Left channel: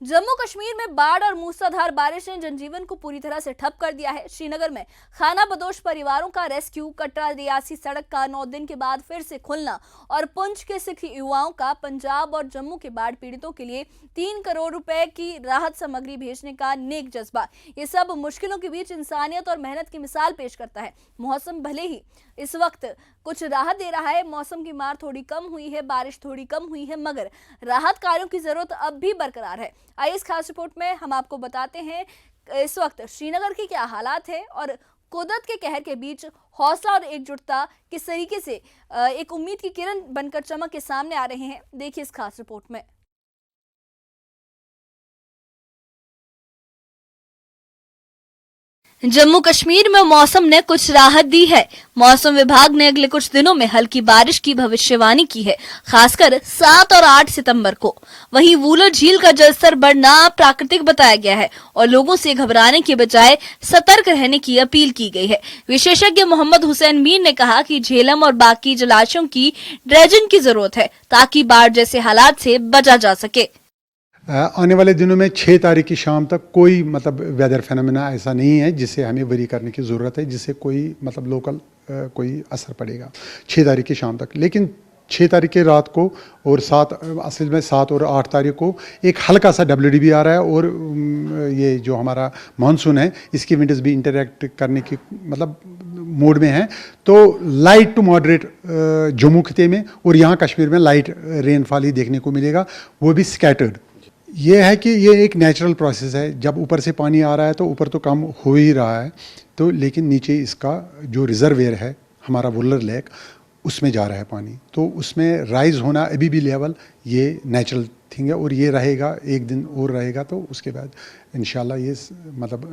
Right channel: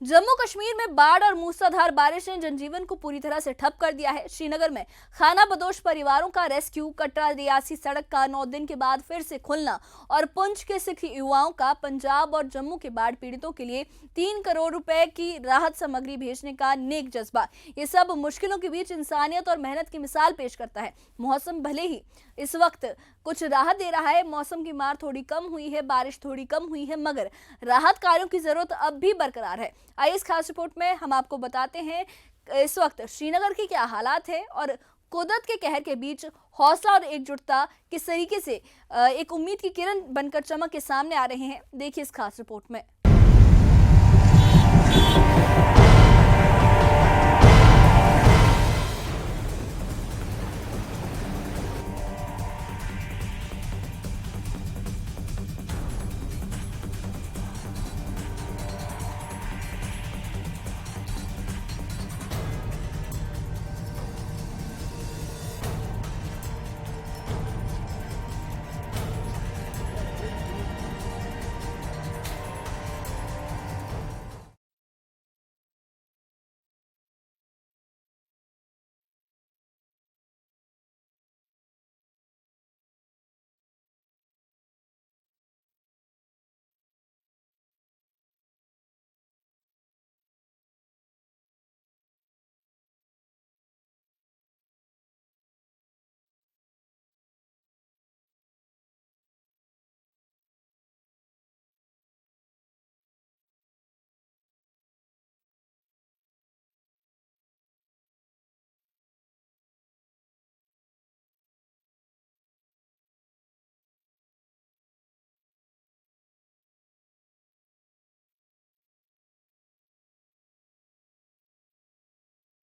जम्मू कश्मीर में बाढ़ और मूसलाधार बारिश ने जनजीवन को पूरी तरह से ठप कर दिया है। श्रीनगर में खाना बदोश परिवारों का रेस्क्यू, कटरा रियासी सड़क का 9 दिन के बाद फिर से खुलना और पुंछ के सिख युवाओं का पंजाब और जम्मू के बाढ़ पीड़ितों के लिए 3 करोड़ रुपए की राहत सामग्री भेजने का नेक जज्बा, ये सब मुश्किलों के बीच इंसानियत और मेहनत की मिसाल पेश करता है। मौसम भले ही इस वक्त कुछ राहत दे रहा है, मौसम की मार थोड़ी कम हुई है, बारिश थोड़ी कम हुई है, मगर राहत कार्यों की जरूरत अब भी बरकरार है। आइए इस खास रिपोर्ट में हम आपको बताते हैं इस वक्त श्रीनगर के क्या हालात है और कुदरत के कहर के बीच हौसला और एकजुटता किस तरीके से एक उम्मीद की किरण बनकर चमक के सामने आ रहे हैं। देखिए इस खास रिपोर्ट में। जम्मू कश्मीर में मौसम ने कुछ राहत दी है। मौसम विभाग ने अगले कुछ दिनों में हल्की बारिश की भविष्यवाणी की है, खासकर 7 और 8 सितंबर को। वहीं वूलर झील का जलस्तर बढ़ना प्राकृतिक बताया गया है और लोगों से घबराने के बजाय सतर्क रहने की अपील की गई है। विशेषज्ञ मोहम्मद हुसैन मीर ने कहा कि झेलम और बाकी जलाशयों की ड्रेजिंग की जरूरत है ताकि बाढ़ जैसे हालात से बचा जा सके। आने वाले दिनों में 6 तारीख की शाम तक कोई वेदर फेनोमेना ऐसा नहीं है जिससे हमें वरी करने की ज़रूरत है, जिससे कोई लोकल कोई असर पड़ेगा 6 तारीख की शाम तक। लेकिन 6 तारीख की रात को और 7 और 8 तारीख को एक हल्का सा WDB आ रहा है और ये जो हमारा मानसून है इसकी विंडोज भी इंटरैक्ट करने की मोड में है। तो लाइट टू मॉडरेट जम्मू खिते में और यहाँ कश्मीर में लाइट रेनफॉल ही देखने को मिलेगा, वो भी स्कैटर्ड। ये है कि ये एक नेचुरल प्रोसेस है, जब ऊपर से पानी आ रहा है तो ऊपर तो कम हो ही रहा है, तो लेकिन नीचे इसका जो रिजर्वेयर है हमारा वुलर लेक उसमें जा रहा है पानी, तो उसमें राइज होना अभी भी लेवल ये नेचुरल थिंग है और ये रहेगा, एक दिन और रहेगा, तो उसके बाद इंशाल्लाह ये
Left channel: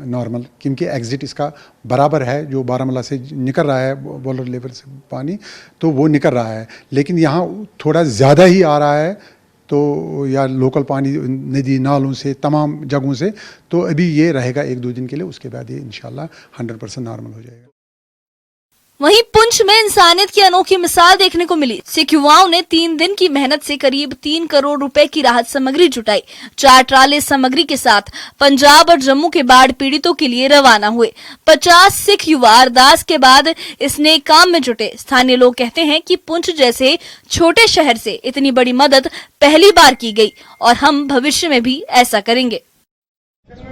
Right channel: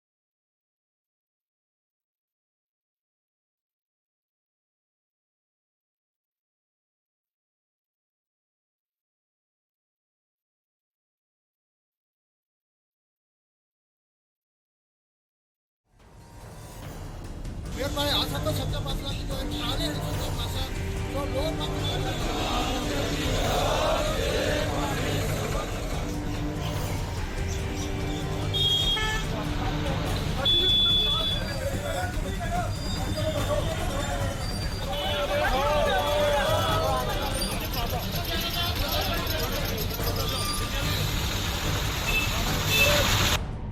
नॉर्मल, क्योंकि एग्जिट इसका बराबर है, जो बारामूला से निकल रहा है वुलर लेवल से पानी तो वो निकल रहा है, लेकिन यहाँ थोड़ा ज़्यादा ही आ रहा है, तो या लोकल पानी नदी नालों से तमाम जगहों से, तो अभी ये रहेगा 1-2 दिन के लिए, उसके बाद ये इंशाल्लाह 100% नॉर्मल हो जाएगा। वहीं पुंछ में इंसानियत की अनोखी मिसाल देखने को मिली। सिख युवाओं ने 3 दिन की मेहनत से करीब 3 करोड़ रुपए की राहत सामग्री जुटाई। 4 ट्राले सामग्री के साथ पंजाब और जम्मू के बाढ़ पीड़ितों के लिए रवाना हुए। 50 सिख युवा अरदास के बाद इस नेक काम में जुटे। स्थानीय लोग कहते हैं कि पुंछ जैसे छोटे शहर से इतनी बड़ी मदद पहली बार की गई और हम भविष्य में भी ऐसा करेंगे।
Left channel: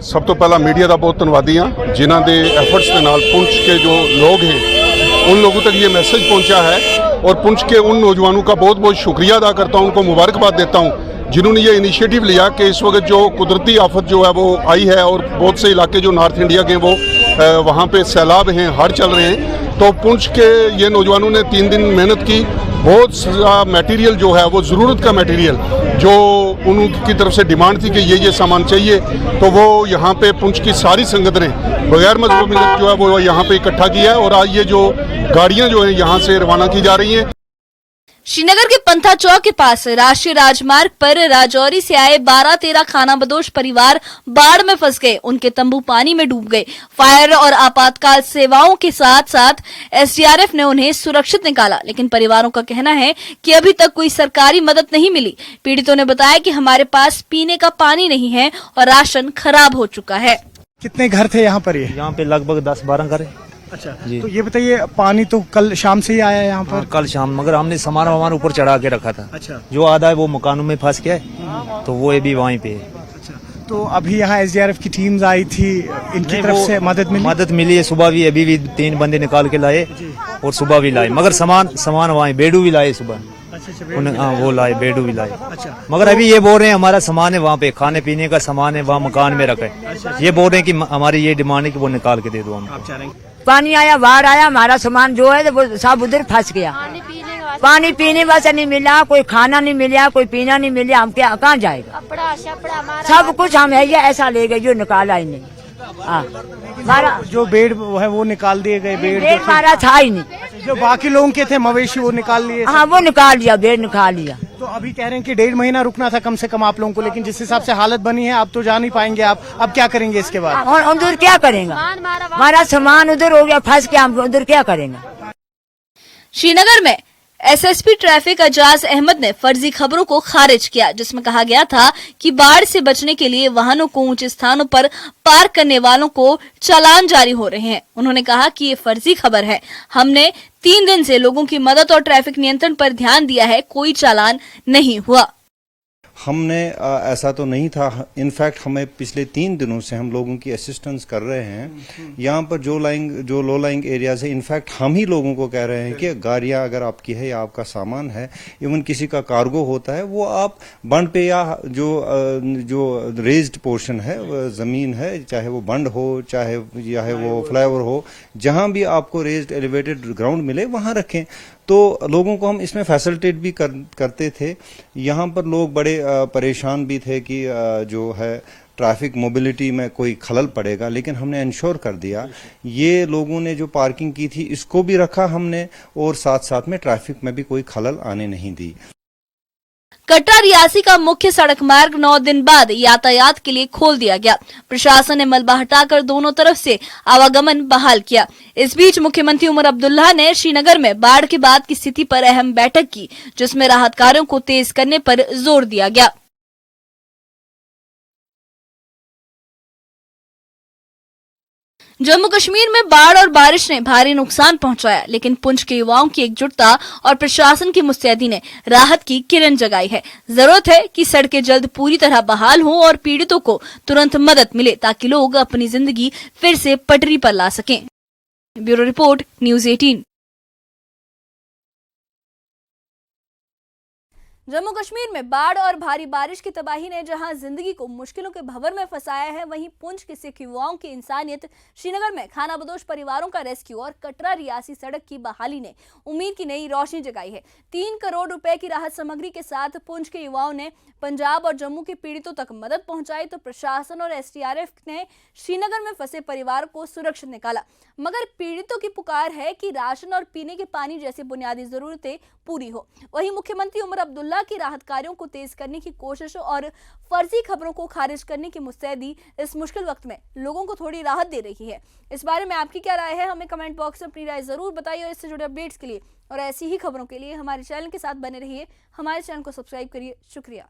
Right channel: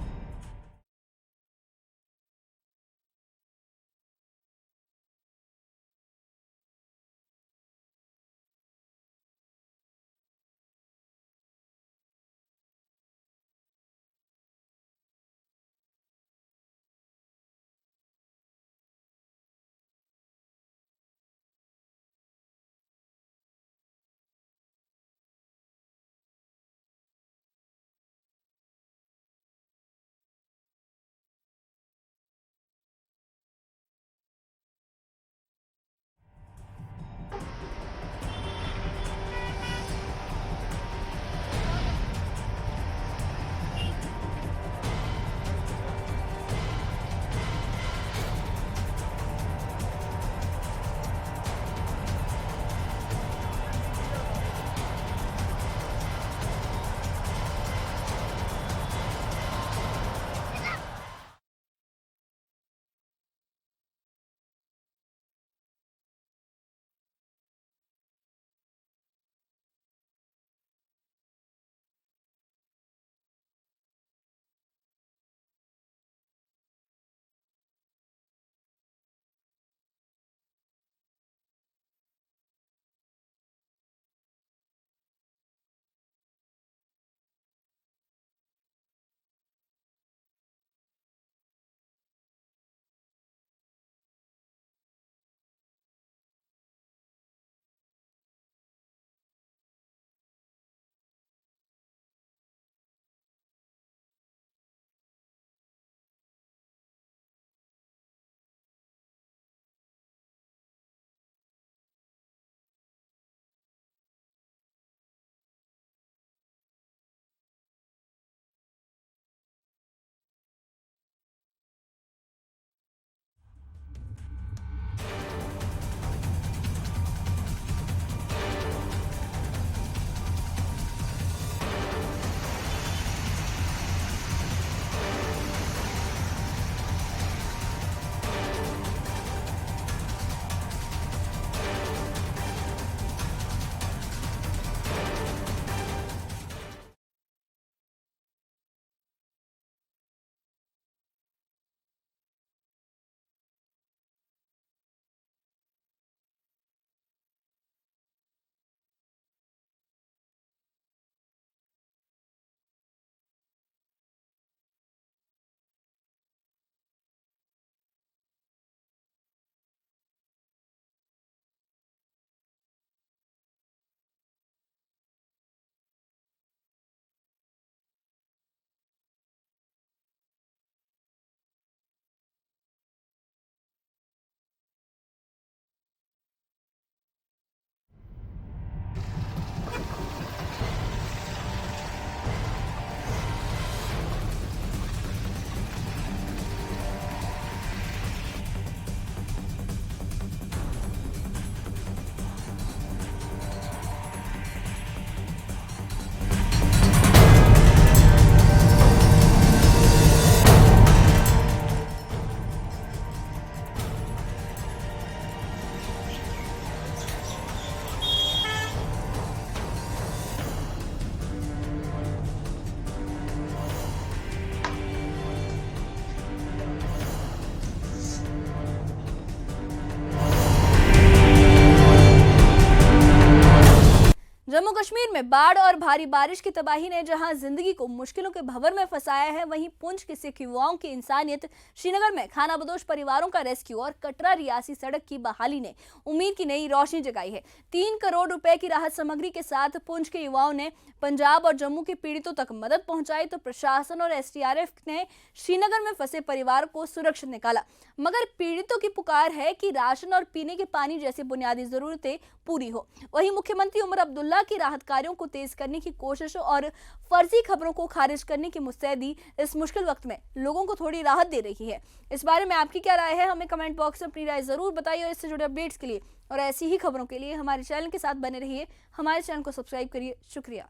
सब तो पहला मीडिया का बहुत धन्यवादी हाँ, जिन्हों के एफर्ट्स के नाल पुंछ के जो लोग हैं उन लोगों तक ये मैसेज पहुंचा है और पुंछ के उन नौजवानों का बहुत बहुत शुक्रिया अदा करता हूं, उनको मुबारकबाद देता हूं जिन्होंने ये इनिशिएटिव लिया कि इस वक्त जो कुदरती आफत जो है वो आई है और बहुत से इलाके जो नॉर्थ इंडिया के वो वहाँ पे सैलाब हैं, हड़ चल रहे हैं, तो पुंछ के ये नौजवानों ने 3 दिन मेहनत की। बहुत सा मटेरियल जो है वो ज़रूरत का मटेरियल जो उनकी तरफ से डिमांड थी कि ये सामान चाहिए, तो वो यहाँ पे पुंछ की सारी संगत ने बगैर मजबूत मिलत जो है वो यहाँ पे इकट्ठा किया है और आज ये जो गाड़ियाँ जो है यहाँ से रवाना की जा रही हैं। श्रीनगर के पंथा चौक के पास राष्ट्रीय राजमार्ग पर राजौरी से आए 12-13 खाना बदोश परिवार बाढ़ में फंस गए। उनके तंबू पानी में डूब गए। फायर और आपातकाल सेवाओं के साथ साथ SDRF ने उन्हें सुरक्षित निकाला, लेकिन परिवारों का कहना है कि अभी तक कोई सरकारी मदद नहीं मिली। पीड़ितों ने बताया कि हमारे पास पीने का पानी नहीं है और राशन खराब हो चुका है। कितने घर थे यहाँ पर? यहाँ पे लगभग 10-12 घर है। अच्छा जी। तो ये बताइए, पानी तो कल शाम से ही आया है यहाँ पर? हाँ, कल शाम, मगर हमने सामान ऊपर चढ़ा के रखा था। अच्छा। जो आधा है वो मकानों में फंस गया है, तो वो अभी वहीं पे है। अच्छा, तो अभी यहाँ SDRF की टीम्स आई थी, इनकी तरफ से मदद मिली है। सुबह भी अभी भी 3 बंदे निकाल के लाए और सुबह भी लाए, मगर सामान वहाँ बेडू भी लाए सुबह। हाँ, वो लाए, बेडू भी लाए। अच्छा। मगर अभी ये बोल रहे हैं हमारा सामान है वहाँ पे, खाने पीने का सामान है वहाँ मकान में रखा है। अच्छा। ये बोल रहे हैं कि हमारी ये डिमांड है कि वो निकाल के दे दो हम। पानी आया, बाढ़ आया, हमारा सामान जो है वो सब उधर फंस गया। पानी पीने वास्ते नहीं मिला, कोई खाना नहीं मिला, कोई पीना नहीं मिला, हम क्या कहाँ जाएगा? सब कुछ हम है ये ऐसा ले गए, जो निकाला ही नहीं। हमारा जो बेड है वो निकाल दिए गए। बेड हमारा था ही नहीं। जो बाकी लोगों के थे मवेशी वो निकाल लिए। हाँ, वो निकाल लिया, बेड निकाल लिया। तो अभी कह रहे हैं कि 1.5 महीना रुकना था कम से कम आप लोगों को, लेकिन जिस हिसाब से हालत बनी है आप तो जा नहीं पाएंगे। आप अब क्या करेंगे इसके बाद? उधर क्या करेंगे? हमारा सामान उधर हो गया फंस के, हम उधर क्या करेंगे? श्रीनगर में एसएसपी ट्रैफिक अजाज अहमद ने फर्जी खबरों को खारिज किया, जिसमें कहा गया था कि बाढ़ से बचने के लिए वाहनों को ऊंचे स्थानों पर पार्क करने वालों को चालान जारी हो रहे हैं। उन्होंने कहा कि ये फर्जी खबर है। हमने 3 दिन से लोगों की मदद और ट्रैफिक नियंत्रण पर ध्यान दिया है, कोई चालान नहीं हुआ। हमने ऐसा तो नहीं था। इनफैक्ट हमें पिछले 3 दिनों से हम लोगों की असिस्टेंस कर रहे हैं। यहाँ पर जो लो लाइंग एरियाज है, इनफैक्ट हम ही लोगों को कह रहे हैं कि गाड़ियाँ अगर आपकी है या आपका सामान है, इवन किसी का कार्गो होता है, वो आप बंड पे या जो रेज्ड पोर्शन है, ज़मीन है, चाहे वो बंड हो चाहे वो फ्लाईओवर हो, जहाँ भी आपको रेज्ड एलिवेटेड ग्राउंड मिले वहाँ रखें। तो लोगों को हम इसमें फैसिलिटेट भी करते थे। यहाँ पर लोग बड़े परेशान भी थे कि जो है ट्रैफिक मोबिलिटी में कोई खलल पड़ेगा, लेकिन हमने इंश्योर कर दिया। ये लोगों ने जो पार्किंग की थी इसको भी रखा हमने, और साथ साथ में ट्रैफिक में भी कोई खलल आने नहीं दी। कटरा रियासी का मुख्य सड़क मार्ग 9 दिन बाद यातायात के लिए खोल दिया गया। प्रशासन ने मलबा हटाकर दोनों तरफ से आवागमन बहाल किया। इस बीच मुख्यमंत्री उमर अब्दुल्ला ने श्रीनगर में बाढ़ के बाद की स्थिति पर अहम बैठक की, जिसमें राहत कार्यों को तेज करने पर जोर दिया गया। जम्मू कश्मीर में बाढ़ और बारिश ने भारी नुकसान पहुंचाया, लेकिन पुंछ के युवाओं की एकजुटता और प्रशासन की मुस्तैदी ने राहत की किरण जगाई है। जरूरत है कि सड़कें जल्द पूरी तरह बहाल हों और पीड़ितों को तुरंत मदद मिले, ताकि लोग अपनी जिंदगी फिर से पटरी पर ला सकें। Bureau report, news 18। Jammu Kashmir में बाढ़ और भारी बारिश की तबाही ने जहां जिंदगी को मुश्किलों के भंवर में फंसाया है, वहीं पुंछ के सिख युवाओं की इंसानियत, श्रीनगर में खानाबदोश परिवारों का रेस्क्यू और कटरा रियासी सड़क की बहाली ने उम्मीद की नई रोशनी जगाई है। 3 करोड़ रुपए की राहत सामग्री के साथ पुंछ के युवाओं ने पंजाब और जम्मू के पीड़ितों तक मदद पहुंचाई, तो प्रशासन और एसडीआरएफ ने श्रीनगर में फंसे परिवार को सुरक्षित निकाला। मगर पीड़ितों की पुकार है कि राशन और पीने के पानी जैसी बुनियादी जरूरतें पूरी हो। वहीं मुख्यमंत्री उमर अब्दुल्ला की राहत कार्यों को तेज करने की कोशिश और फर्जी खबरों को खारिज करने की मुस्तैदी इस मुश्किल वक्त में लोगों को थोड़ी राहत दे रही है। इस बारे में आपकी क्या राय है, हमें कमेंट बॉक्स में अपनी राय जरूर बताइए। और इससे जुड़े अपडेट्स के लिए और ऐसी ही खबरों के लिए हमारे चैनल के साथ बने रहिए। हमारे चैनल को सब्सक्राइब करिए। शुक्रिया।